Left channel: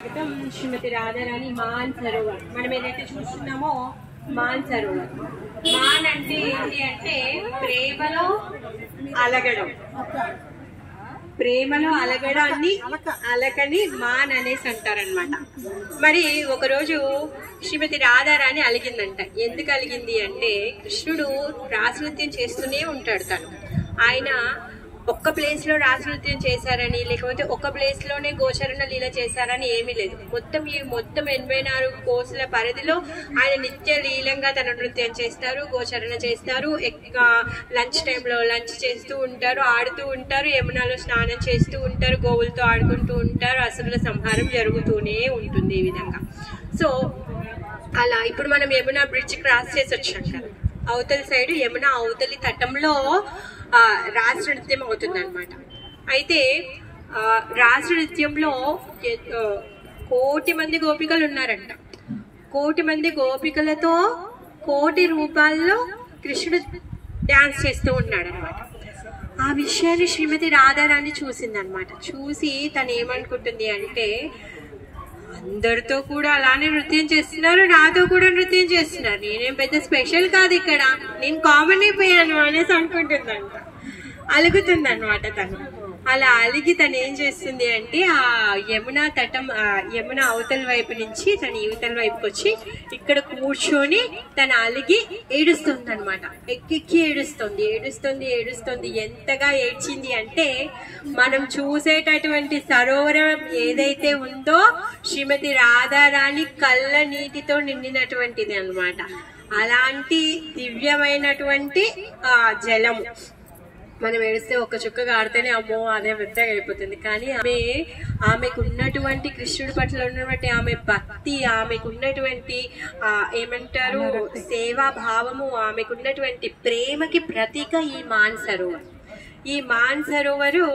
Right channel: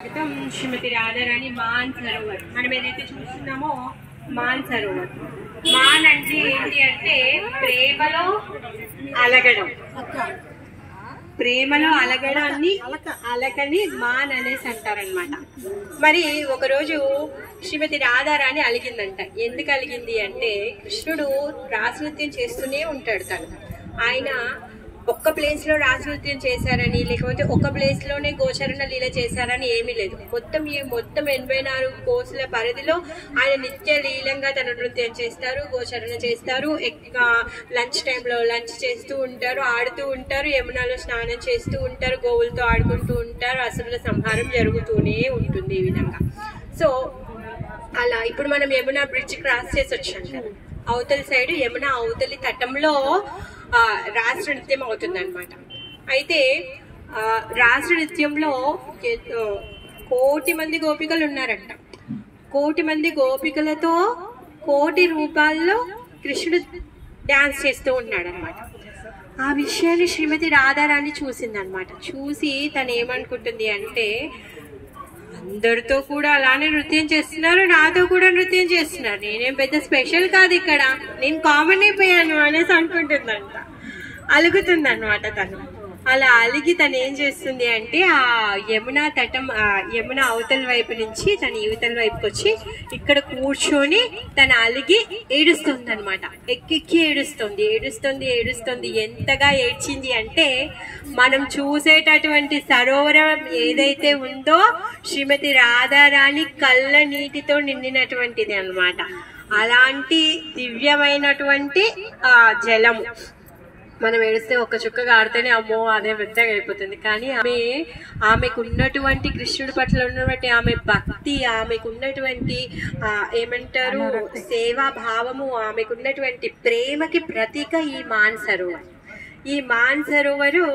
శ్రీమతి రాధారాణి మాన్ సరోవర్ మనం ఏదైతే చూస్తున్నామో మాన్ సరోవర్. మాన్ అంటే ఏంటి అంటే ప్రేమలో అలగడం, ప్రేమలో అలగడాన్ని అలకని మాన్ అనేసి అంటారనమాట. మరి ఒకరోజు శ్రీమతి రాధారాణి అలిగిందంట. ఎందుకు అలిగింది అంటే కృష్ణుడు రాసనృత్యం చేస్తూనే ఉంటాడు. తను ఆయన ఒక్క ప్లేస్ లో రాసనృత్యం చేశారని లేకపోతే ఒక్క ప్లేస్ లోనే గోచరణ లీల చేశారని ఏమీ లేదు. మొత్తం 84 కోసుల పరిధిలో ఆయన నిత్య లీలంగా తన నృత్యం చేస్తారు, గోచరణ చేస్తారు. లంచ్ టైంలో లంచ్ చేస్తూ ఉంటారు, ఆడుతూ ఉంటారు, యమునాలో స్నానం చేస్తూ ఉంటారు, గోవులతో ఆడుకుంటూ ఉంటారు. అసురుల సంహారం జరుగుతూనే ఉంటుంది ఈ విధంగా. సో అలా ఇప్పుడు మనం యమునా బ్రిడ్జ్ క్రాస్ చేసి వచ్చాం కదా, అవతలి సైడ్ యమున అవతలి తటంలో రాస నృత్యం అవుతుంది అనమాట. అయితే రాస నృత్యంలో 1,000,000 మంది గోపికలు ఉన్నారంట. 1,000,000 మంది గోపికలతో 1,000,000 రూపాల్లో కృష్ణుడు డాన్స్ చేస్తూ ఉన్నాడు అనమాట. ఆ విషయాన్ని శ్రీమతి రాధారాణి చూసిందనమాట. చూసి తను ఏమనుకుంటుంది అంటే అందరితో కూడా అలానే నృత్యం చేస్తున్నారు, నాతో కూడా నృత్యం చేస్తున్నారు, నేనేం పెద్ద స్పెషల్ కాదు, ఇక్కడ నేను కామన్ అయిపోయాను అనేసి అనుకుంటుందంట. అలుగుతుందన్నమాట తను. అలా అలిగి తను ఏం చేస్తుంది అంటే ఆ యమునా తటం యమున అవతల వైపు నుంచి తను యువతల వైపుకి వచ్చి ఇక్కడ కూర్చొని తను అలిగి ఏడుస్తుంది అనమాట. ఎక్కెక్కి ఏడుస్తుంది. ఎంతగా ఏడ్చింది అంటే మనం చూసేటటువంటి సరోవరం ఏదైతే ఉందో శ్రీమతి రాధారాణి కళ్ళ నీటితో నిండినటువంటిది అనమాట. అలాంటి దివ్యమైనటువంటి జలము. మనం ఏడిస్తే ఒక్క చుక్కగా ఆడితేనే అమ్మో అదే పెద్దగా అయిపోతుంది. కానీ ఆమెకు ఉన్నటువంటి కృష్ణుడి పట్ల ఉన్నటువంటి ఆమె భక్తి, ఆమెకు ఉన్నటువంటి ఏమంటారు సేవా భావము, ఆమెకు ఉన్నటువంటి ప్రేమకి ప్రతీక ఈ మాన్ సరోవర్. ఈ మాన్ సరోవరు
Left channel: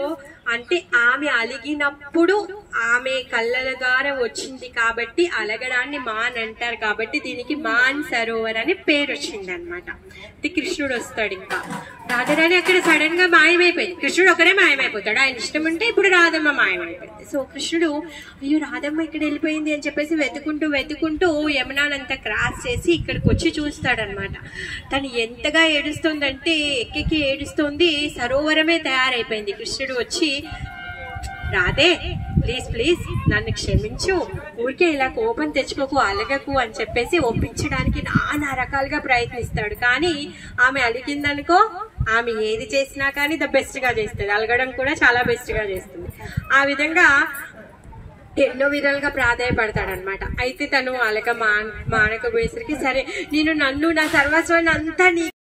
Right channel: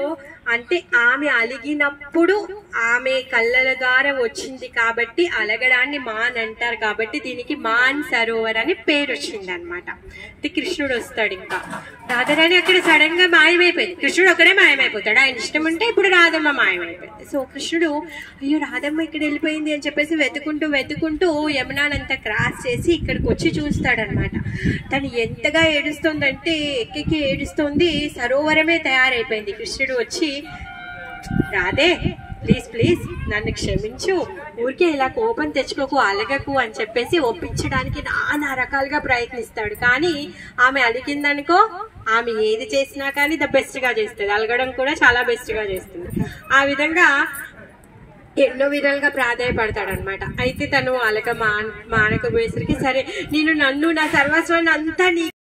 అంటే ఆమె అలిగినప్పుడు ఆమె కళ్ళల ద్వారా వచ్చింది కాబట్టి అలగడాన్ని మాన్ అంటారు. కాబట్టి దీనికి మాన్ సరోవర్ అని పేరు వచ్చింది అనమాట. కృష్ణుడు వస్తాడు, ఇంకా రాధారాణి అక్కడ సడన్ గా మాయమైపోయింది. కృష్ణుడు ఒకడే మాయమైపోతాడు, ఆయన ఇష్టం ఉంటే ఇప్పుడు రాధమ్మ మాయమైపోయింది. సో కృష్ణుడు అయ్యో రాధమ్మ ఇక్కడ వెళ్ళిపోయింది అని చెప్పేసి వెతుకుంటూ యమునానంతా క్రాస్ చేసి ఇక్కడికి వచ్చి చూస్తాడనమాట. తను ఎంతగా ఏడుస్తుందంటే ఎక్కెక్కి ఏడుస్తుంది. సరోవరమే తయారైపోయింది. కృష్ణుడు వచ్చి రాధే ప్లీజ్ నన్ను క్షమించు, ఊరికే ఇలా కోపం తెచ్చుకోకు, అలగకు అని చెప్పేసి ఒప్పించడానికి నానా రకాలుగా ప్రయత్నిస్తాడు. కానీ ఆమె అలిగిందనుకో, ఆమె ఏది చేసినా కానీ ద బెస్ట్ గా చేస్తుంది, అలగడం కూడా చాలా బెస్ట్ గా చేస్తుంది. ఆ విధంగా ఎన్నో విధాలుగా ప్రాధాయపడతాడనమాట. అయితే తను అలగ మానకపోయేసరికి సరే నేను నా సర్వస్వాన్ని అంతా